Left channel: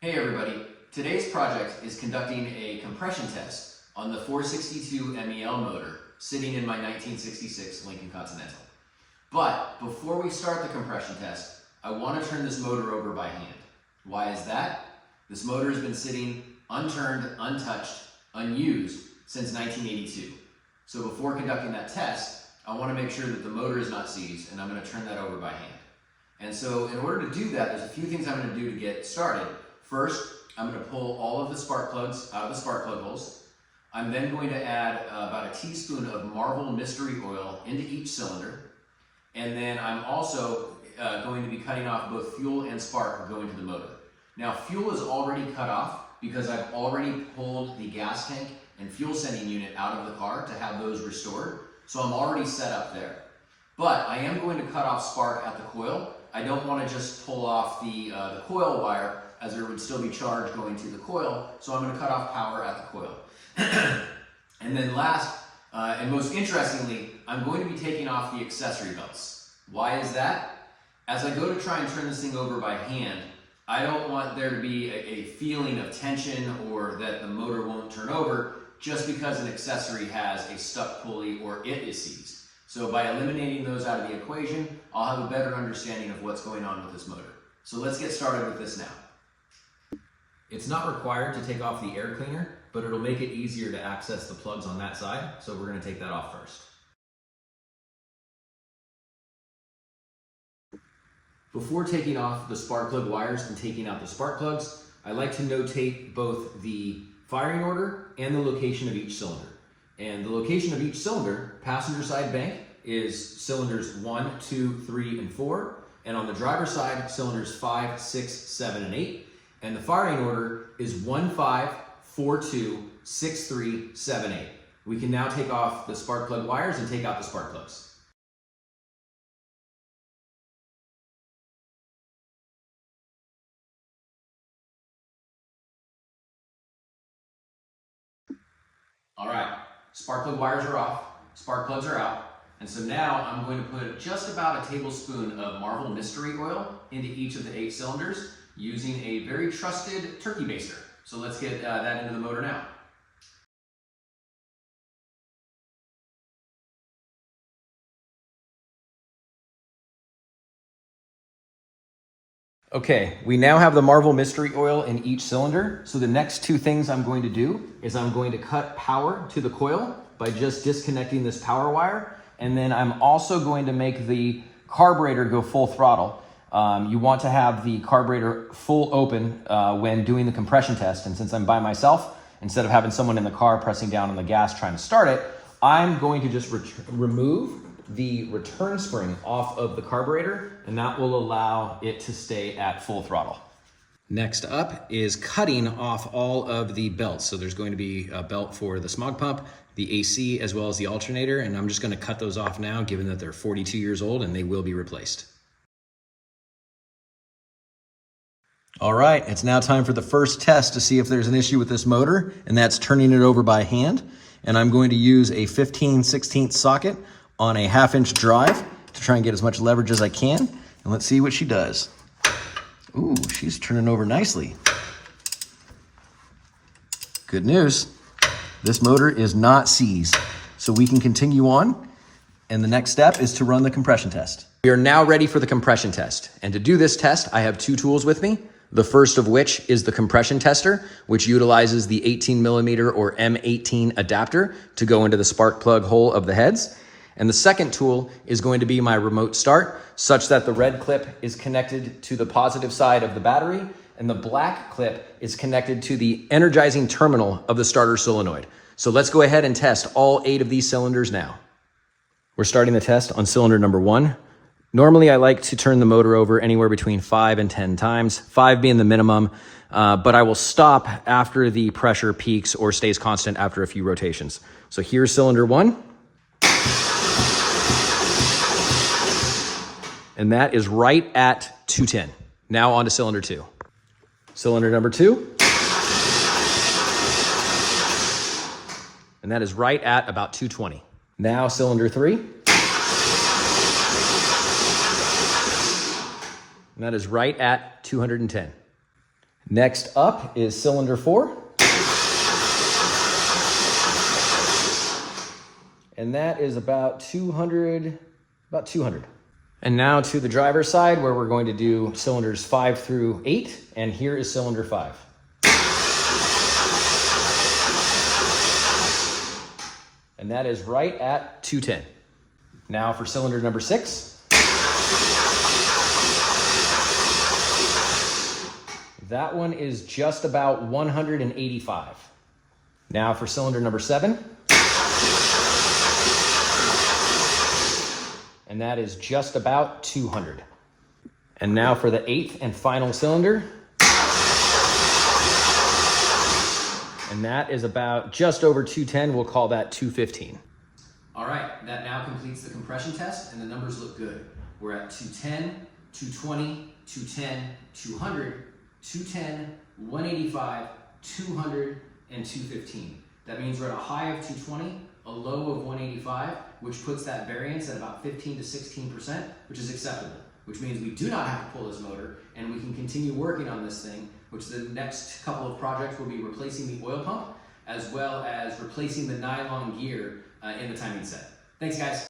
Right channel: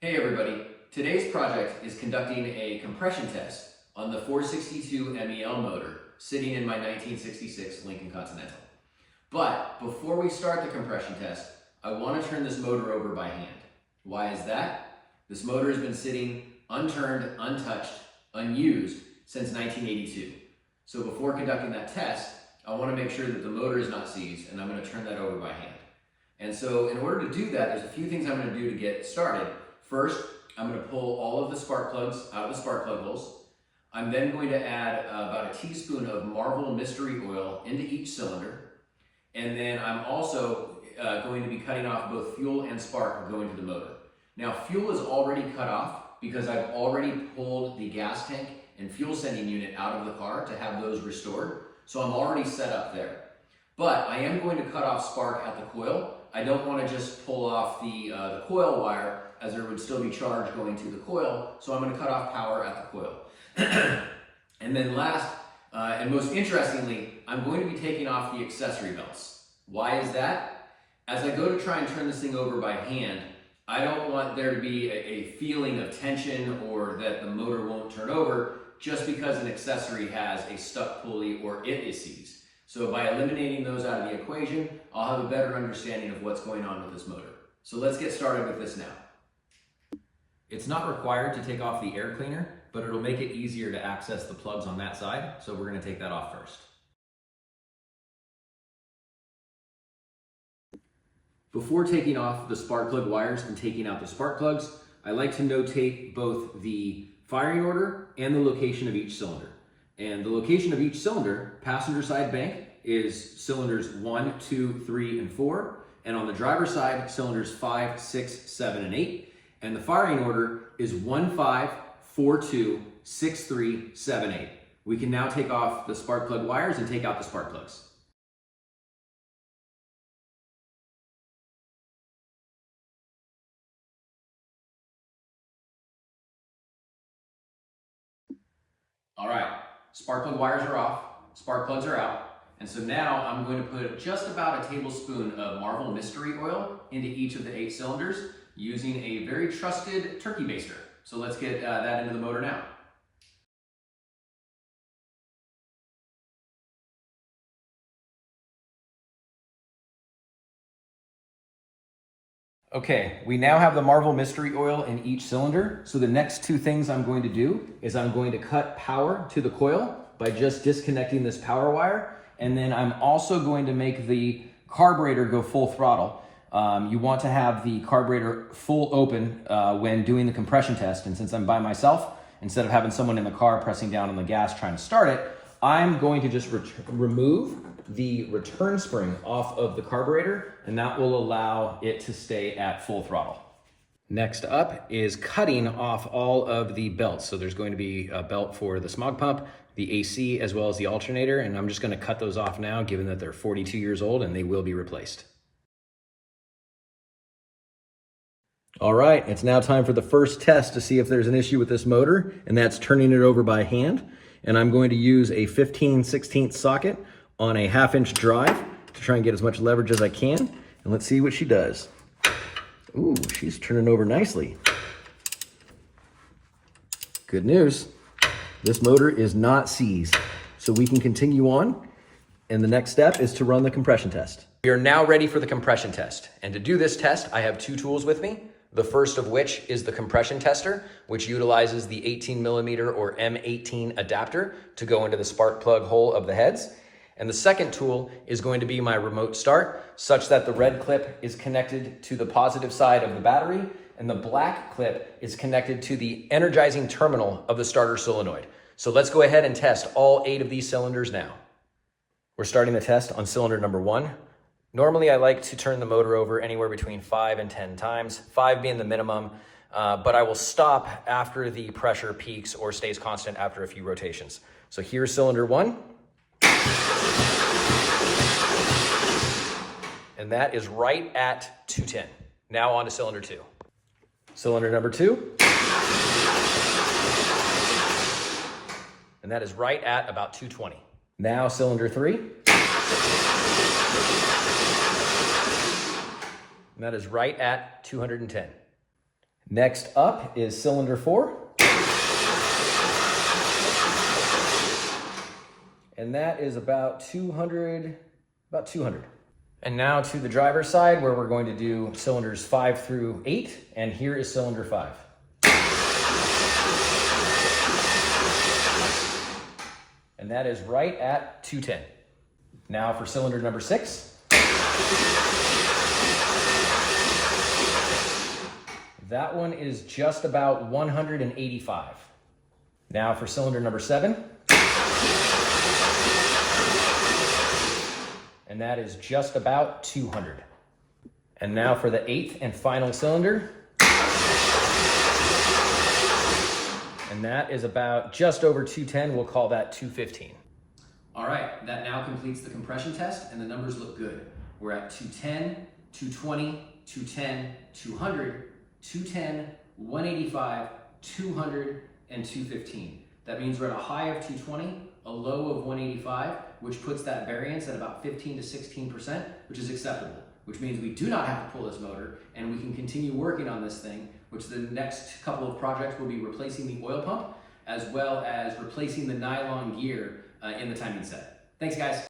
Hey everybody, today's project is conducting a compression test on the 462 MEL motor sitting in my 1966 Lincoln Continental. But before we start the compression test, I want to turn this motor over by hand. Why is that? This motor has been sitting unturned, untouched, unused since 1982. So before conducting that test, I want to make sure that the motor is not seized, and I'm going to turn that over by hand. And so in order to do that, there's a few things I'm going to do to get started. First, I'm going to pull all of the spark plugs out of the spark plug holes. I'm then going to add about a teaspoon of Marvel Mystery Oil into each cylinder. And then I'm also going to be cutting off both fuel and spark going to the motor. Now, fuel is already cut off because I've already pulled the gas tank and fuel sending unit out of the car to have those restored. So I'm already set up there. But I am going to cut off spark at the coil. I don't want to just pull off the coil wire, as there would still be charge going to the coil, so I'm going to cut off power at the coil. And then last, and most interestingly, I'm going to be taking off the accessory belts. Why is that? As I go to try and turn this thing over by hand, I don't want there to be a feeling of tension or that the motor won't turn over just because an accessory has a stuck pulley or it is seized. So by eliminating those out of the equation, I'll have a better understanding of what's going on with this motor. So let's get started with this now. It's not required to take off the air cleaner, but it'll make it easier to access the plugs on that side, so we're going to take that off first. Before taking off the spark plug wires and taking out the spark plugs, I like to notate both the firing order and the location of each cylinder. And the location of each cylinder, passenger side bank, is cylinders 1, 2, 3, and 4, and on the driver's side, cylinders 5, 6, 7, and 8. And the firing order is 1, 5, 4, 2, 6, 3, 7, 8. We can now take off the spark plug wires and take out the spark plugs. All right, spark plug wires are off, spark plugs are out. And so now I'm going to put just about a tablespoon of Marvel Mystery Oil into each of the 8 cylinders, using a very trusted turkey baster. So let's get that into the motor now. Okay, we now have the Marvel Mystery Oil in each cylinder. So the next 2 things I'm going to do is I'm going to cut power to the coil by just disconnecting this power wire. And then I'm also going to make the carburetor go full throttle. You want to have the carburetor full open when doing the compression test. And since I'm by myself, instead of having someone in the car pressing down on the gas trying to start it, I'm going to just remove the return spring off of the carburetor, and that will allow it to stay at full throttle. Next up is cutting off all of the belts. So there's going to be a belt for the smog pump, the AC, as well as the alternator, and I'm just going to cut those off now, given that they're 42 years old and they will be replaced. All right, it's now time for the first test to see if there's an issue with this motor, and that's turning it over by hand. And I'm going to use a 15/16 socket on a 1/2 inch drive to try and get as much leverage as I can. And let's see what she does. Ooh, she's turning over nicely. Good news, this motor is not seized. So we can continue on. And the next step is to run the compression test. We are now ready for the compression test. And to do this test, I have 2 tools with me. The first of which is the compression tester, which utilizes the 18mm or M18 adapter to go into the spark plug hole of the heads. And the second tool is going to be my remote start, such that the red clip is connected to the positive side of the battery, and the black clip is connected to the energizing terminal of the starter solenoid. So let's go ahead and test all 8 of these cylinders now. We're starting the test on cylinder number 1. Normally, I like to turn the motor over anywhere between 5 and 10 times, 5 being the minimum, but I will stop after the pressure peaks or stays constant after a few rotations. So here's cylinder 1. And that is right at 210. Now on to cylinder 2. Cylinder number 2. And that is right at about 220. Now cylinder 3. And that is right at 210. Next up is cylinder 4. And that is about 200. And now to the driver's side, where we're going to do cylinders 5 through 8, and here is cylinder 5. And that is right at 210. Now for cylinder number 6. That one is just about 185. Now for cylinder number 7. And that is just about 200. And now for the 8th and final cylinder. And that is about just over 210. We'll call that 215. All right, that now completes the compression test, and the numbers look good. We're at 210, 220, 210, 200, 210, 185, 200, and 215. That means we're at a high of 220, a low of 185, which puts that variance at about 15 to 16%, which is acceptable, which means we do not have to pull this motor, and we can continue working on this thing, which the next couple of projects will be replacing the oil pump, as well as replacing the nylon gear in the timing set. Thanks, guys.